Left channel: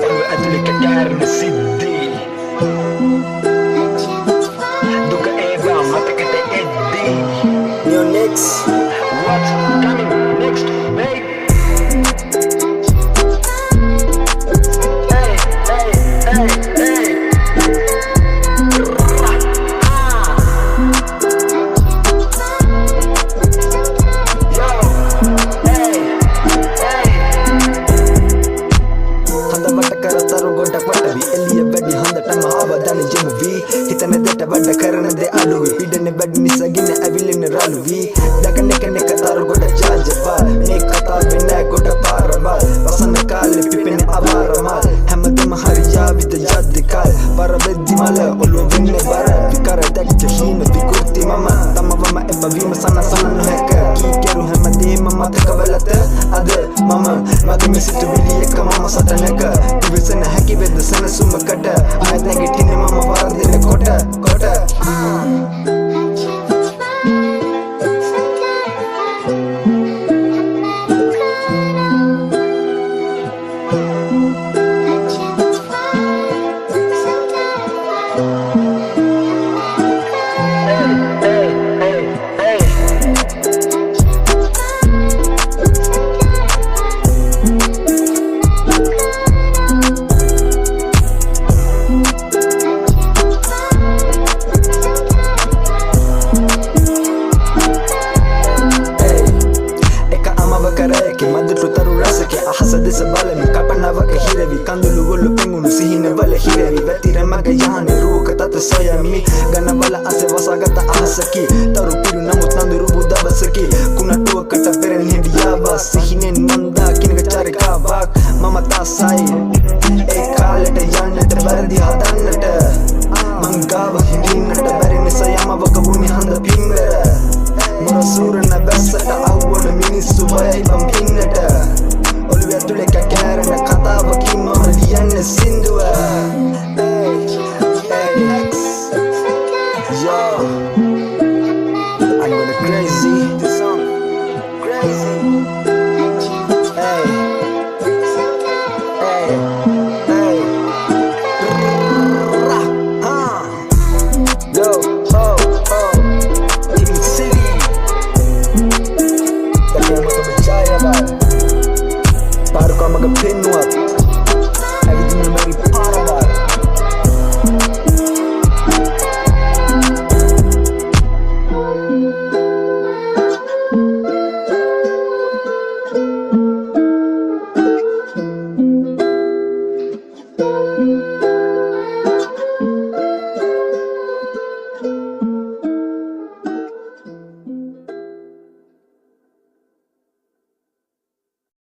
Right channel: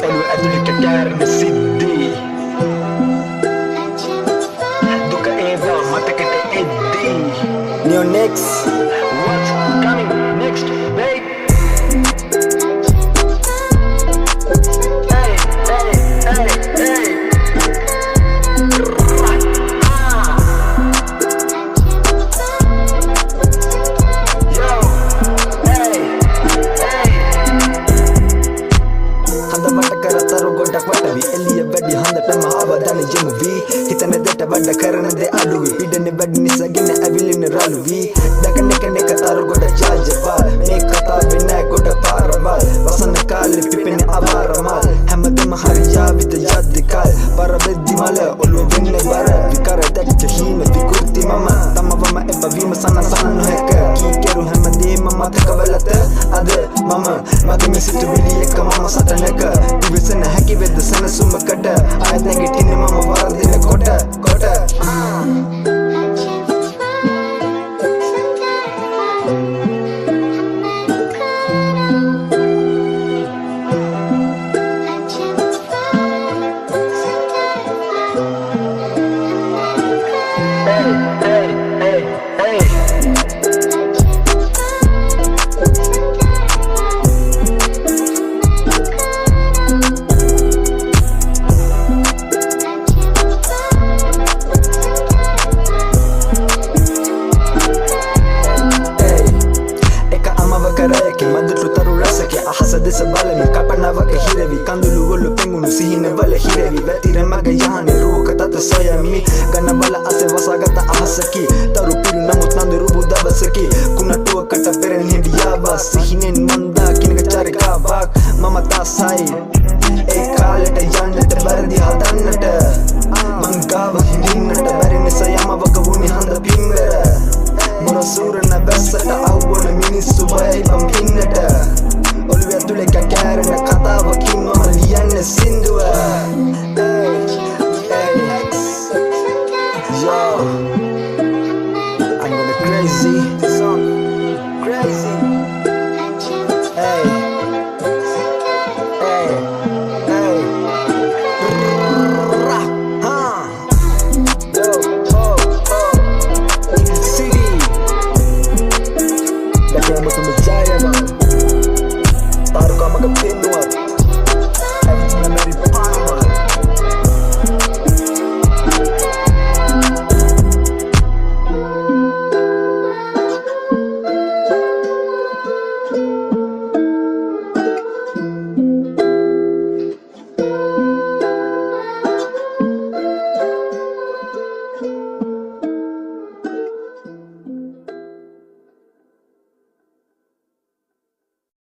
ඔළුව ඇතුළේ කැකෑරෙන සිද්ධි දුක ඒවා මතකට එද්දී Neo next. What's coming next, babe? Hey, hey, hey, hey. Yo, hey, hey. හඳ වට කරතරු ගොඩක් වටවි එළිය වැඩි හඳටම අවධානය යොමු වී හිතන දෙට වැඩ කරන දේ අඩුවි පීඩන වැඩි නිසා ගින්න ඇවිලින රළු වී දකන එක තරු ගොඩ ජාජවල් මේ කතාවේ නෑ ගොඩ පාරවල් වසන කාලේ පිපෙන අවාරමල් හැමදෙම හරියාවිද යද්දිකල් පරබෙද්දි මල ඔළුව වෙන්නේ බර විකර දැක්ක හීන විකෘති මම තමවම එපවීම සනසන නොහැක කී කෙරු හැමදේම මතක වලත අද මම මගේ සිතුවිලි එක මම සටනක විවසන හැකි වෙද්ද සනසුමකට ආයත් නැගිටින්න මම වරදින කොට Hey, hey, hey, hey. කරයකි මදුටු තරු රසකි අහස දෙස බලමි කල්පනාවක හිරවි කඳුළු ගොල්ලු පෙඟුණු සිහින වල හිරවි වැතිර මග යහනේ රුවක තත සොයමි ගනබල අසේ වසාගත අහසකි තරු පිරු නමුත් නඳුරුබු දවසකි කුණටුවකට පෙරෙන් හිඳියාව සිහිනෙන් මන්දා කිනක චාරිකාවක් මම තාසයි ඒ කාලෙට යන්නට වැරදි හදන්නට මංගාව හිඳින්නට බැරි නිසා යමවක වුණේ හඳ පින්වර මොරසූරන බැස්සට අවුවන මිනිස්සු බයයි බම් පින්නට ඔළුව ඇතුලේ කැකෑරෙන කතාවකින් මම ලියන්න සින්දුව Yo, I'm gonna crazy this song crazy hey